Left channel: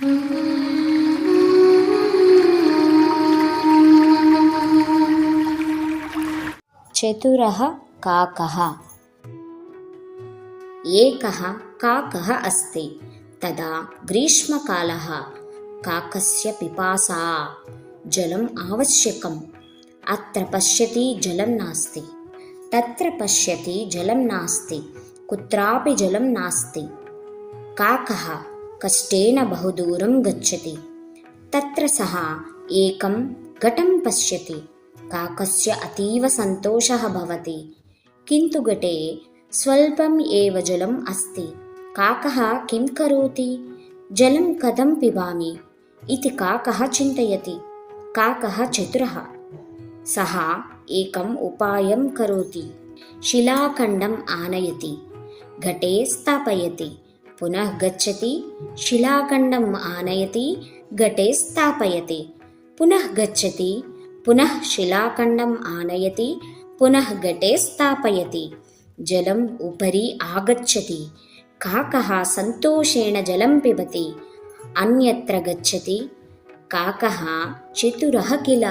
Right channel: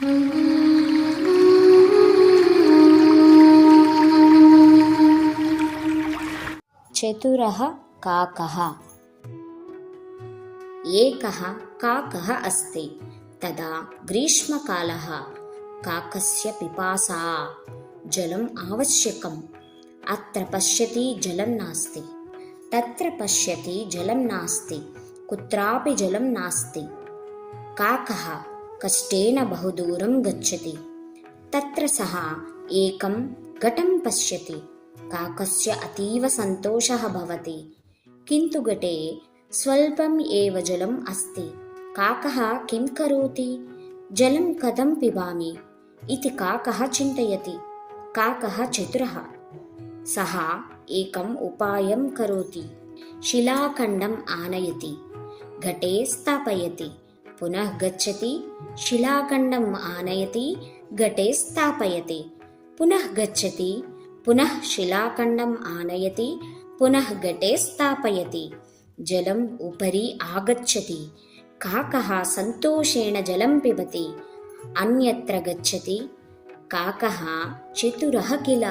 चतुरः काकः। एकः काकः अस्ति। तदा ग्रीष्मकालः। काकस्य पिपासा। जलम् आवश्यकम्। अत्र पश्यति जलं नास्ति, तत्र पश्यति जलं नास्ति, कुत्रापि जलं नास्ति। काकः कष्टेन बहुदूरं गच्छति। तत्र सः एकं घटं पश्यति। काकस्य अतीव सन्तोषः भवति, किन्तु घटे स्वल्पम् एव जलम् अस्ति। काकः किं करोति? जलं कथं पिबामि इति काकः चिन्तयति। काकः चतुरः। सः एकम् उपायं करोति। शिलाखण्डम् आनयति, घटे स्थापयति, पुनः गच्छति, शिलाखण्डम् आनयति, घटे स्थापयति, पुनः गच्छति, पुनः शिलाखण्डम् आनयति, पुनः घटे स्थापयति। जलम् उपरि आगच्छति। काकः सन्तोषेण जलं पिबति, अन्यत्र गच्छति। काकः चतुरः किल।